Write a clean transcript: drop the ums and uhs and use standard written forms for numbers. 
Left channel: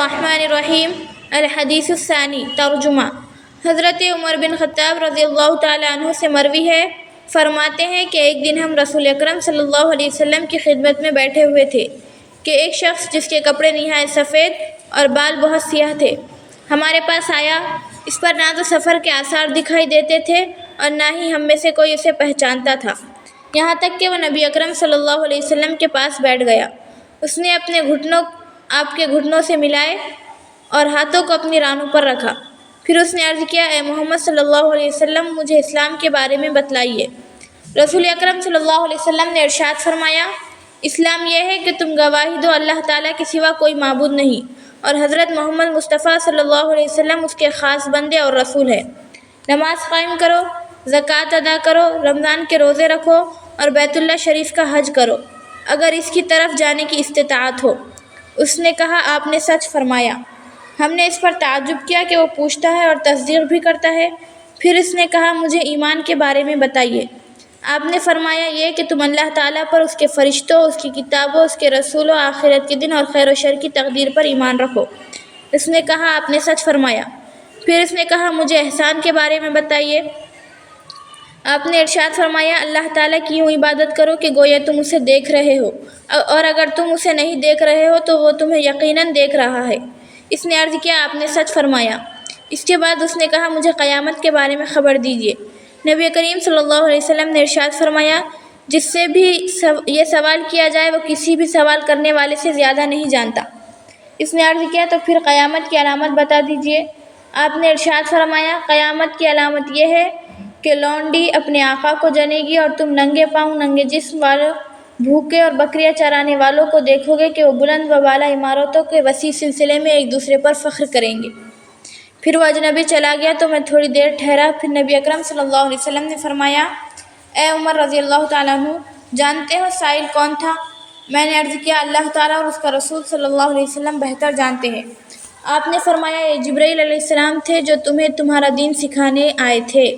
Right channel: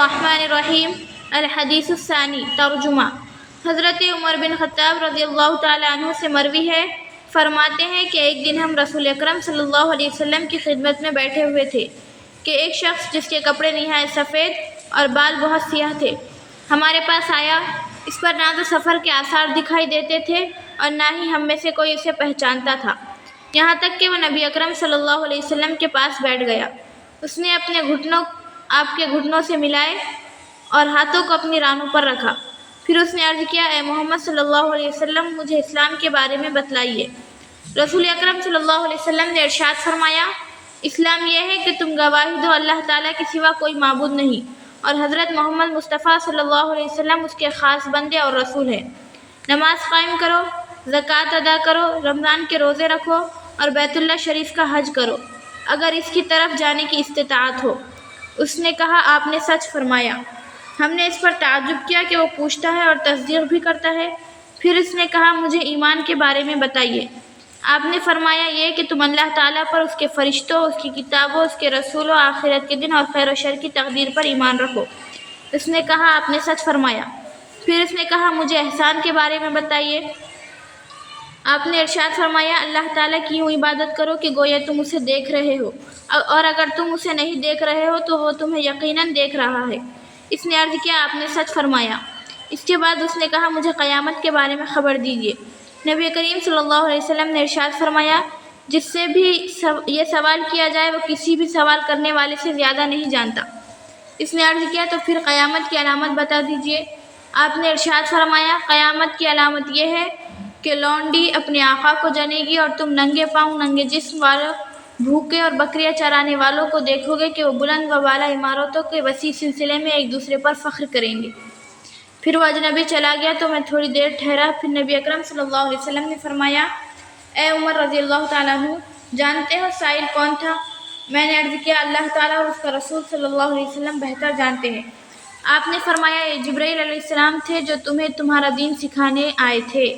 बिस्मिल्लाहिर्रहमानिर्रहीम। अल-हदीस अस्सानी तर्जुमा। हज़रत उमर बिन ख़त्ताब रज़ियल्लाहु ताला अन्हु से मरवी है, फरमाते हैं कि एक दिन हम रसूल अकरम सल्लल्लाहु अलैहि वसल्लम की खिदमत में बैठे हुए थे कि एक शख्स जिसके कपड़े निहायत सफ़ेद और बाल बहुत सियाह थे हमारे पास आया। इस पर ना तो सफ़र के आसार दिखाई देते थे और ना ही हम में से कोई उसे पहचानता था, यहाँ तक कि वह नबी अकरम सल्लल्लाहु अलैहि वसल्लम के पास बैठ गया। उसने अपने घुटनों आपके घुटनों से मिलाए और हाथों को अपनी रानों पर रखा। फिर उसने अर्ज़ किया, ए मोहम्मद सल्लल्लाहु अलैहि वसल्लम, मुझे इस्लाम के बारे में बतलाइए। रसूल अकरम सल्लल्लाहु अलैहि वसल्लम ने इरशाद फरमाया, इस्लाम यह है कि तुम गवाही दो अल्लाह ताला के सिवा कोई माबूद नहीं और हज़रत मोहम्मद मुस्तफ़ा सल्लल्लाहु अलैहि वसल्लम उसके ख़ास बंदे और रसूल हैं। नमाज कायम करो, ज़कात अदा करो, रमज़ान के रोज़े रखो और बैतुल्लाह शरीफ का हज करो अगर इसकी तरफ जाने की इस्तिताअत हो। उसने कहा, आपने सच फरमाया। हमने इस पर ताज्जुब किया कि वो पूछता है और तस्दीक भी करता है। फिर उसने कहा, मुझे ईमान के बारे में बताइए। आपने फरमाया, ये कि तुम अल्लाह ताला पर, उसके फ़रिश्तों, उसकी किताबों, उसके रसूलों, आखिरत के दिन और खैर व शर की तकदीर पर ईमान रखो। उसने कहा, आपने सच फरमाया। फिर उसने कहा, मुझे एहसान के बारे में बताइए। आपने इरशाद फरमाया, अल्लाह ताला की यूँ इबादत करो कि गोया तुम उसे देख रहे हो और अगर तुम उसे नहीं देख रहे हो तो वो तुम्हें यकीनन देख रहा है। इसने अर्ज़ किया, आपने सच फरमाया। इसके बाद उसने कहा, मुझे क़यामत के बारे में ख़बर दीजिए। नबी करीम सल्लल्लाहु अलैहि वसल्लम ने इरशाद फरमाया, जिससे भी ये सवाल किया जाए वो किसी भी सवाल करने वाले से ज़्यादा नहीं जानता। इसने अर्ज़ किया, तो फिर क़यामत की अलामत बता दीजिए। आपने इरशाद फरमाया, क़यामत की अलामत यह है कि लौंडी अपने आका को जनेगी और तुम नंगे पाँव, नंगे जिस्म वालों, भूखे और बकरियां चराने वालों को देखोगे कि वो बुलंद व बाला इमारतों के वसी सिलसिले में एक दूसरे पर फ़ख्र करेंगे। फिर वह अजनबी चला गया तो मैं थोड़ी देर ठहरा। फिर नबी अकरम सल्लल्लाहु अलैहि वसल्लम ने फरमाया, ए उमर रज़ियल्लाहु ताला अन्हु, जानते हो साइल कौन था? मैंने अर्ज़ किया, अल्लाह ताला और उसका रसूल सल्लल्लाहु अलैहि वसल्लम बेहतर जानते हैं। आपने फरमाया, ये जिब्राइल अलैहिस्सलाम थे जो तुम्हें तुम्हारा दीन सिखाने आए थे।